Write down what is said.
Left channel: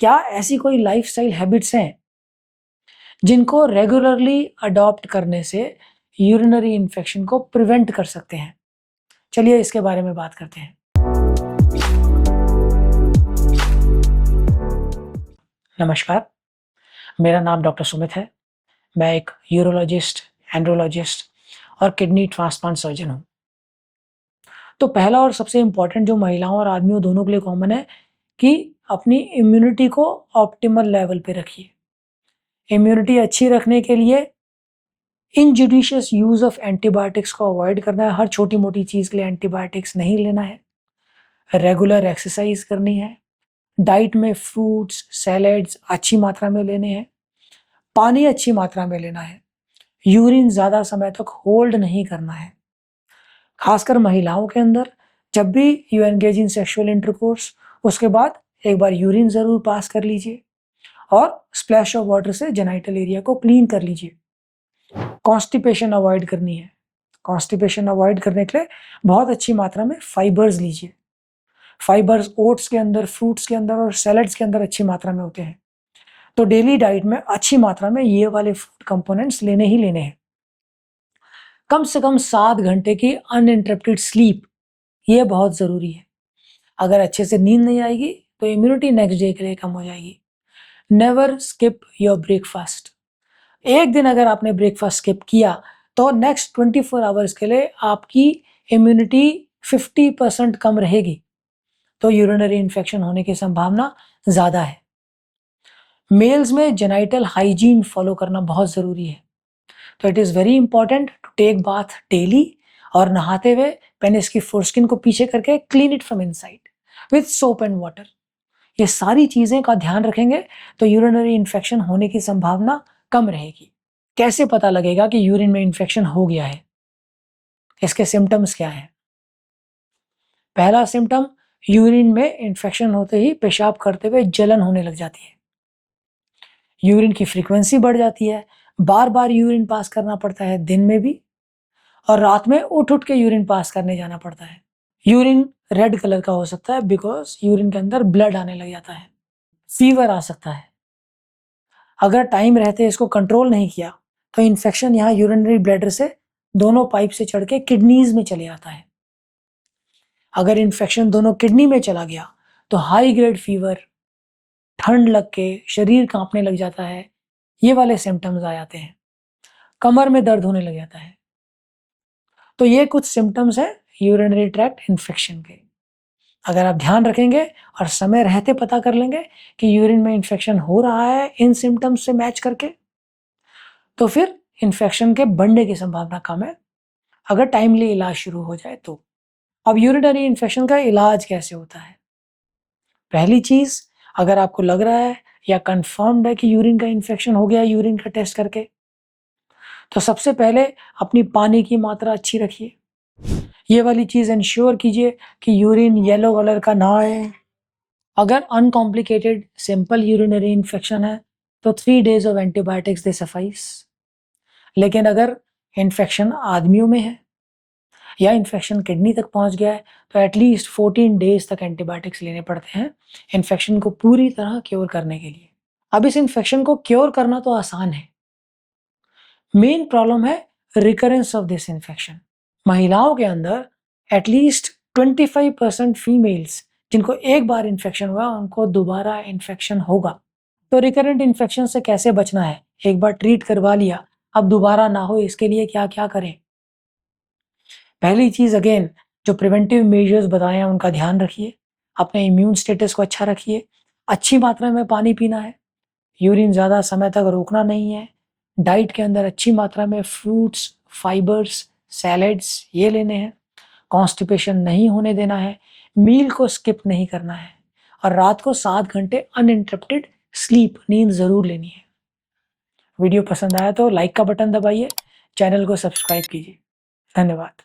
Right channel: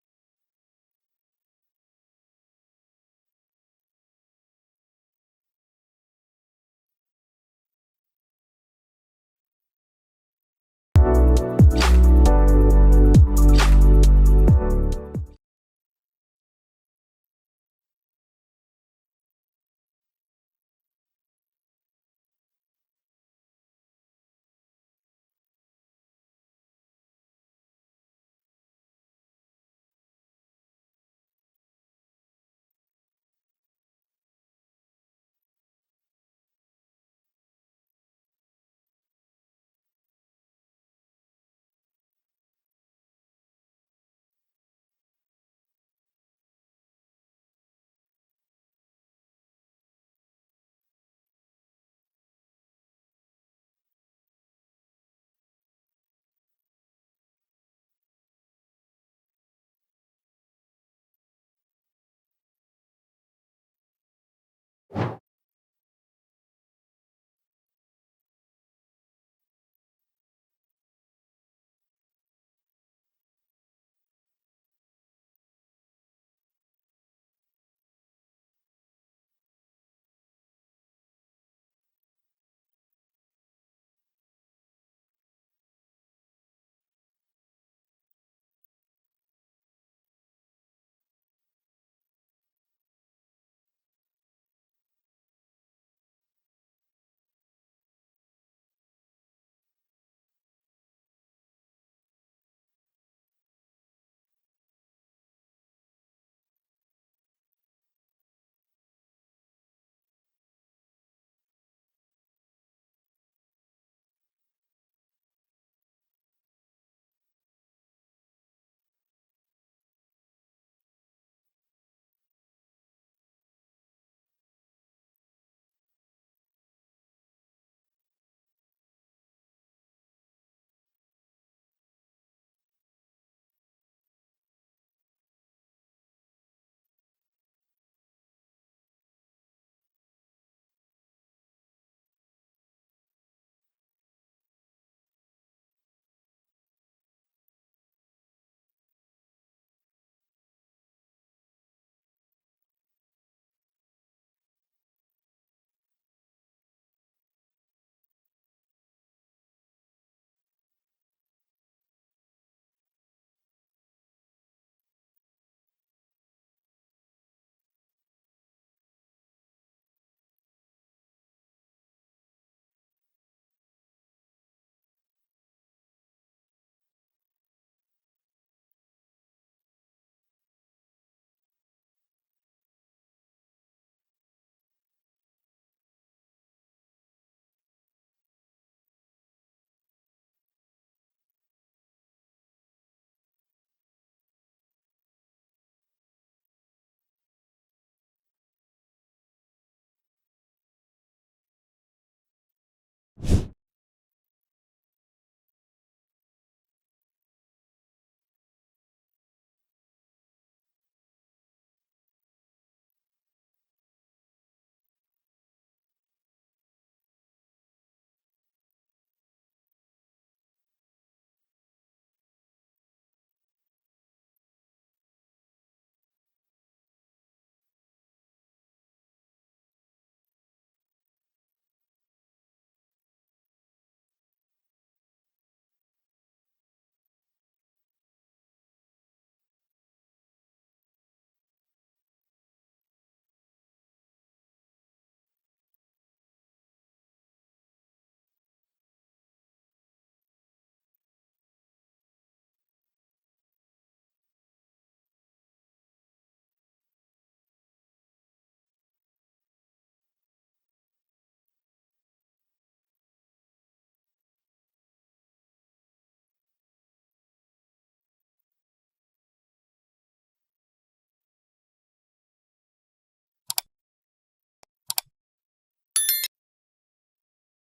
क्या ऐसी कोई लाइफस्टाइल हैबिट्स हैं जिनको रेगुलरली अडॉप्ट करने से यूरिनरी इन्फेक्शन को प्रिवेंट कर सकते हैं? चलिए इसके बारे में बात करते हैं। नमस्कार, मेरा नाम डॉक्टर सुमित है। मैं एक यूरोलॉजिस्ट, एंड्रोलॉजिस्ट और किडनी ट्रांसप्लांट सर्जन हूँ। तो पहला और सबसे इम्पोर्टेंट जो महिलाओं और आदमियों दोनों के लिए कॉमन है कि अपनी इम्यूनिटी को ऑप्टिमल लेवल पे रखिए। इम्यूनिटी अच्छी रखने के लिए इनजुडिशियस यूज़ ऑफ एंटीबायोटिक्स को अवॉइड करना है। हर छोटी-मोटी चीज़ के लिए एंटीबायोटिक्स नहीं लेना है। रेगुलर एक्सरसाइज करनी है। डाइट में फ्रूट्स, सैलेड्स अच्छी मात्रा में लेने हैं। पानी अच्छी मात्रा में लेना है। यूरिन ज़्यादा समय तक होल्ड नहीं करना है। खासकर महिलाओं के अंदर जब भी you engage in sexual intercourse, उसके बाद एक बार यूरिन ज़रूर पास कर लीजिए और स्प्लैश ऑफ वाटर से जेनिटल एरिया को क्लीन कर लीजिए। कॉन्स्टिपेशन अवॉइड करनी है। कॉन्स्टिपेशन अवॉइड करने के लिए बहुत अच्छी मात्रा में फाइबर्स लीजिए। फाइबर्स ओट्स के अंदर, फ्रूट्स के अंदर और सैलेड्स के अंदर अच्छी मात्रा में होते हैं। तो डेली डाइट में अच्छी मात्रा में ये वाले फूड कंपोनेंट्स लेने ही लेने हैं। कम से कम 7 घंटे की अनइंटरप्टेड स्लीप, ये बहुत ज़रूरी है। अगर अच्छे से नींद नहीं आएगी तो इम्यूनिटी नेक्स्ट डे के लिए कम हो जाएगी। Never skip your breakfast. एक दिन अगर आपने ब्रेकफास्ट स्किप किया तो नेक्स्ट 24 आवर्स के लिए आपकी इम्यूनिटी 50% कम रहेगी। तो यूरिनरी इन्फेक्शन होने की संभावना ज़्यादा है। मेल्स में जेनिटल हाइजीन फॉलो करना बहुत ज़रूरी है। तो it is very important to take bath daily और नहाते हुए पेनिस की फोरस्किन को पीछे करके clean it from inside with soap and water. ये सारी चीज़ें का ध्यान रखेंगे तो यूरिनरी इन्फेक्शन होने की संभावना कम रहेगी। कैसे पता लगेगा कि यूरिन में इन्फेक्शन हो गया है? इसके सिम्टम्स क्या हैं? पहला सिम्टम, यूरिन में इन्फेक्शन होते ही पेशाब करते हुए जलन होने लग जाती है। यूरिन की फ्रीक्वेंसी बढ़ जाती है। बार-बार यूरिन पास करना पड़ता है, दिन में भी और रात में उठ-उठ के यूरिन पास करने जाना पड़ता है। यूरिन रेड कलर का हो सकता है बिकॉज़ यूरिन के अंदर ब्लड आने लग जाता है। फीवर आ सकता है। अगर टाइम रहते इसको कंट्रोल नहीं किया तो इन्फेक्शन यहाँ यूरिनरी ब्लैडर से दोनों पाइप से चढ़ के किडनीज में चले आता है। अगर इन्फेक्शन दोनों किडनी में चला गया तो हाई ग्रेड फीवर, ठंड लग के शरीर कांपने लग जाता है, ये वाले सिम्टम्स आ जाते हैं। कमर में दर्द होने लग जाता है। तो ये कुछ सिम्टम्स हैं यूरिनरी ट्रैक्ट इन्फेक्शन के। अगर आप ध्यान रखेंगे और समय रहते पता कर लेंगे कि यूरिन में इन्फेक्शन हो रहा है इन सिम्टम्स से मैच करके, तो फिर इन्फेक्शन के बढ़ने की संभावना कम है, अगर टाइमली इलाज शुरू हो जाए तो। अब यूरिनरी इन्फेक्शन का इलाज कैसे होता है? पहली चीज़, अगर आपको लग रहा है या कन्फर्म्ड है कि यूरिन का इन्फेक्शन हो गया यूरिन का टेस्ट करके, तो सबसे पहले अपनी पानी की मात्रा अच्छी रखिए। ये वाली चीज़ एंश्योर कीजिए कि यूरिन येलो कलर का ना आए। अगर अनकॉम्प्लिकेटेड सिंपल यूरिनरी इन्फेक्शन है तो 3 days of antibiotics they suffice. लेकिन अगर इन्फेक्शन आदमियों में है या इन्फेक्शन किडनी तक पहुंच गया है तो एटलीस्ट 14 डेज तक एंटीबायोटिक्स लेने पड़ते हैं इन्फेक्शन को पूरी तरह क्योर करने के लिए। अब इस इन्फेक्शन को क्योर करना तो आसान है, मेन प्रॉब्लम है रिकरेंस ऑफ दिस इन्फेक्शन। महिलाओं के अंदर एटलीस्ट 25% फीमेल्स जिनको एक बार इन्फेक्शन हुआ उनको दोबारा इन्फेक्शन होगा। तो रिकरेंट इन्फेक्शन से कैसे बचना है? एक बार ट्रीट करवा लिया, अब दोबारा ना हो इसके लिए क्या क्या करें? पहली चीज़ अगेन जो प्रिवेंटिव मेजर्स बताए हैं उनका ध्यान रखिए। अपने इम्यून स्टेटस को अच्छा रखिए। अच्छी मात्रा में पानी पीना है। यूरिन ज़्यादा समय तक रोकना नहीं है। डाइट के अंदर अच्छी मात्रा में फ्रूट्स, फाइबर्स, सैलेड्स ये लेने हैं। कॉन्स्टिपेशन नहीं होने देना है। मील को स्किप नहीं करना है और रात को 7 घंटे अनइंटरप्टेड स्लीप, नींद ज़रूर लेनी है। वीडियो पसंद आया तो लाइक का बटन दबाइए, चैनल को सब्सक्राइब कीजिए। धन्यवाद।